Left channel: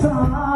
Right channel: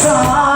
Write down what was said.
try